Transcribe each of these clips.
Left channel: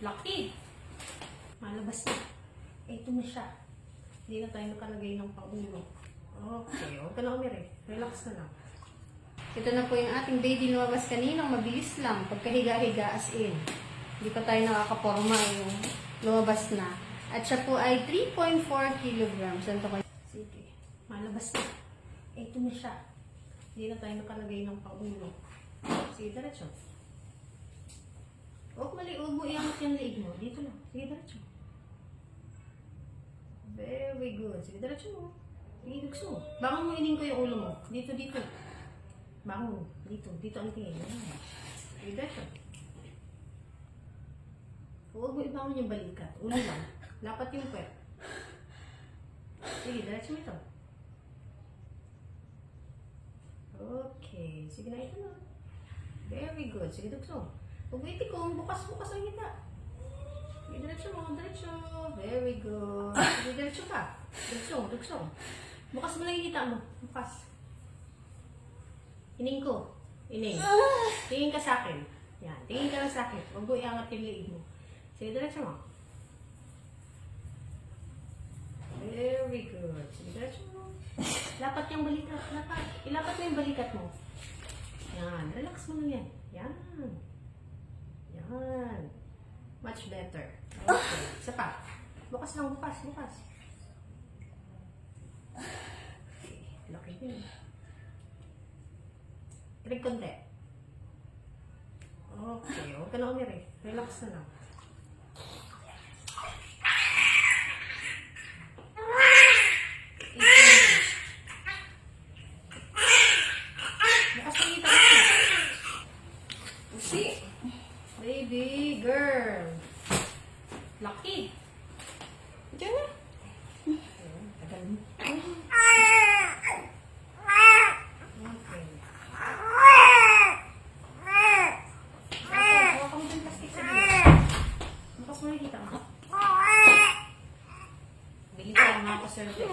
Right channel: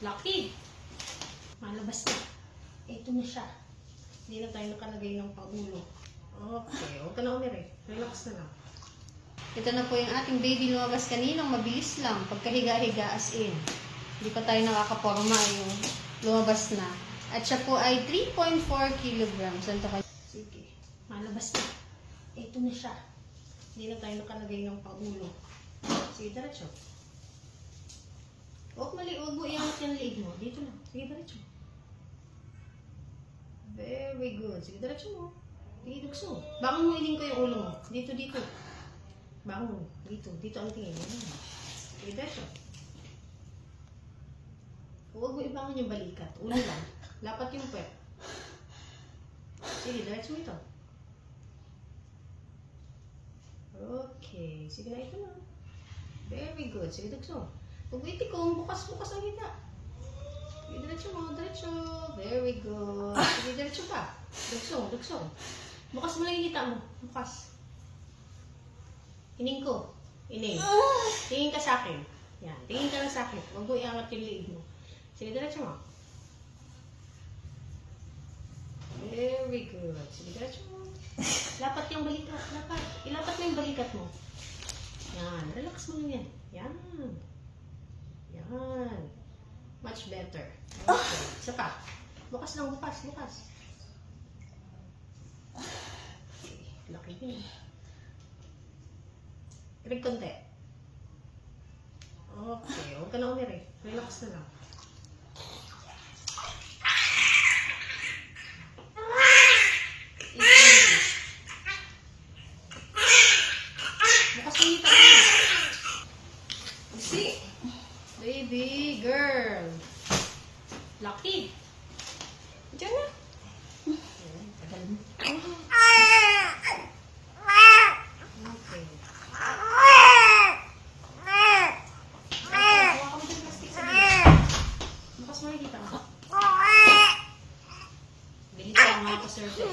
Laki. Malabas na. Ito na siya. Hindi na tayo nakalagay ng pangulo. Okay, huwag ka na umiri. Relax na lang. Ito na po yung ating baby lumabas kaninang mabilis lang. Pagkahiga-higa as in. Hindi pa tayo nakakaporma yung lumabas na. At siya po ay 3.4 kilograms. Saan to kayo? Sige, malabas na. Ito na siya. Hindi na tayo nakalagay ng pangulo. Sige, diretso. Huwag mo iangat yung leeg mo. Dito lang. Sige, diretso. Very good. Sige, diretso mo. Sige, dugso. Bangon mo, ining ko yung ulo mo. Dito. Bangon. Dito ang tingin. Sige, diretso. Huwag mo ibangon yung balikat. Ulo lang. Lapat yung puwet. Sige, diretso mo ito. Okay. Sige na, ito na. Very good. Sige, dugso. Huwag mo itikong. Bukas ang hita. Sige, diretso mo. Diretso. Very good. Sige, diretso pa. Dugso. Bukas mo lang yung hita mo. Bukas. Ining ko. Ining. Tingin ka sa akin. Yan. Tingin ka lang sa akin. Huwag mo iangat yung leeg mo. Sige, diretso mo. Very good. Sige, diretso mo. Lapat yung balikat. Lapat. Ilapat mo yung balikat mo. Yan. Relax mo lang yan. Yan. Much better. Okay. Isa pa. Bukas lang. Bukas. Okay. Laki yun. Irig konti. Okay. Huwag ka na umiri. Relax na lang. Bukas mo yung hita mo. See? Baby girl. Laki. Diyan na. Tagal mo. Okay. Hawa ka mo yung plastic sa gilid. Bukas mo nakikita mo. Bilis lang mga ka-cervix.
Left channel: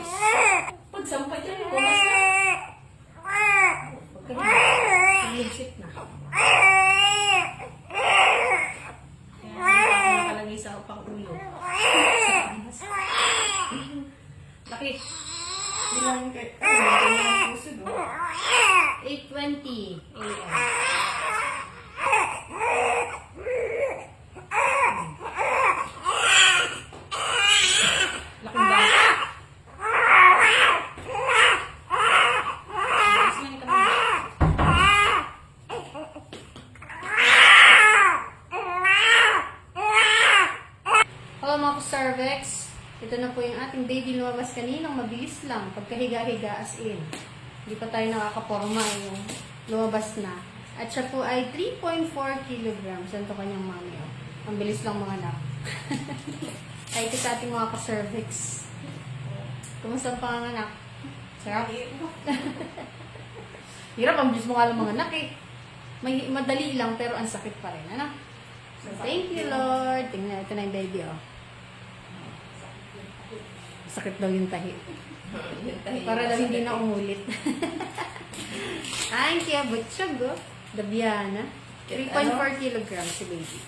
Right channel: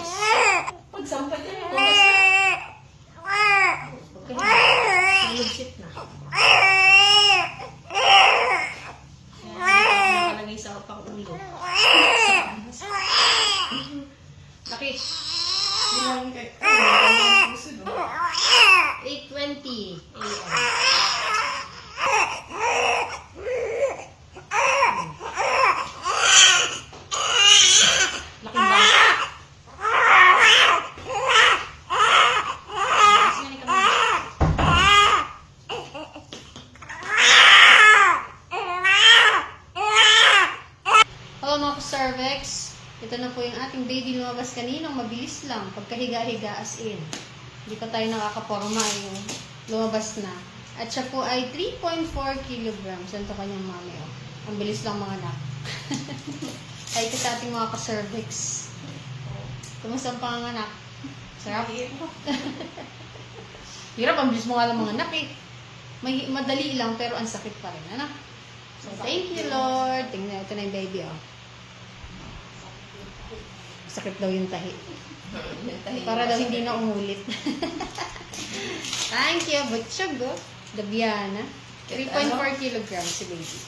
Pagsampay ka lang. Bukas na. Pagkahiga. Lugsit na. Nakalagay sa upang ulo. Laki. Bilangin kayo. 8:20 a.m. Laking bata. Hello mga cervix. Ito na po yung ating baby lumabas kaninang mabilis lang. Pagkahiga-higa as in. Hindi pa tayo nakakaporma yung lumabas na. At siya po ay 3.4 kilograms. Yan to kanyang mami. Oh. Ang bilis lang mga anak. Kahit sa ating mga ka-cervix. Kumusta ang panganganak? Sarap? Hirap, ang bilis mo nga lang mga anak eh. Madali lang pero ang sakit pa rin. Ano? So, thank you Lord. Tingnan, ito na yung baby oh. Sakit daw yung tahi. Para daw hindi na umulit. Thank you. Butchog oh. Dabiana. 3.4 kilograms si baby.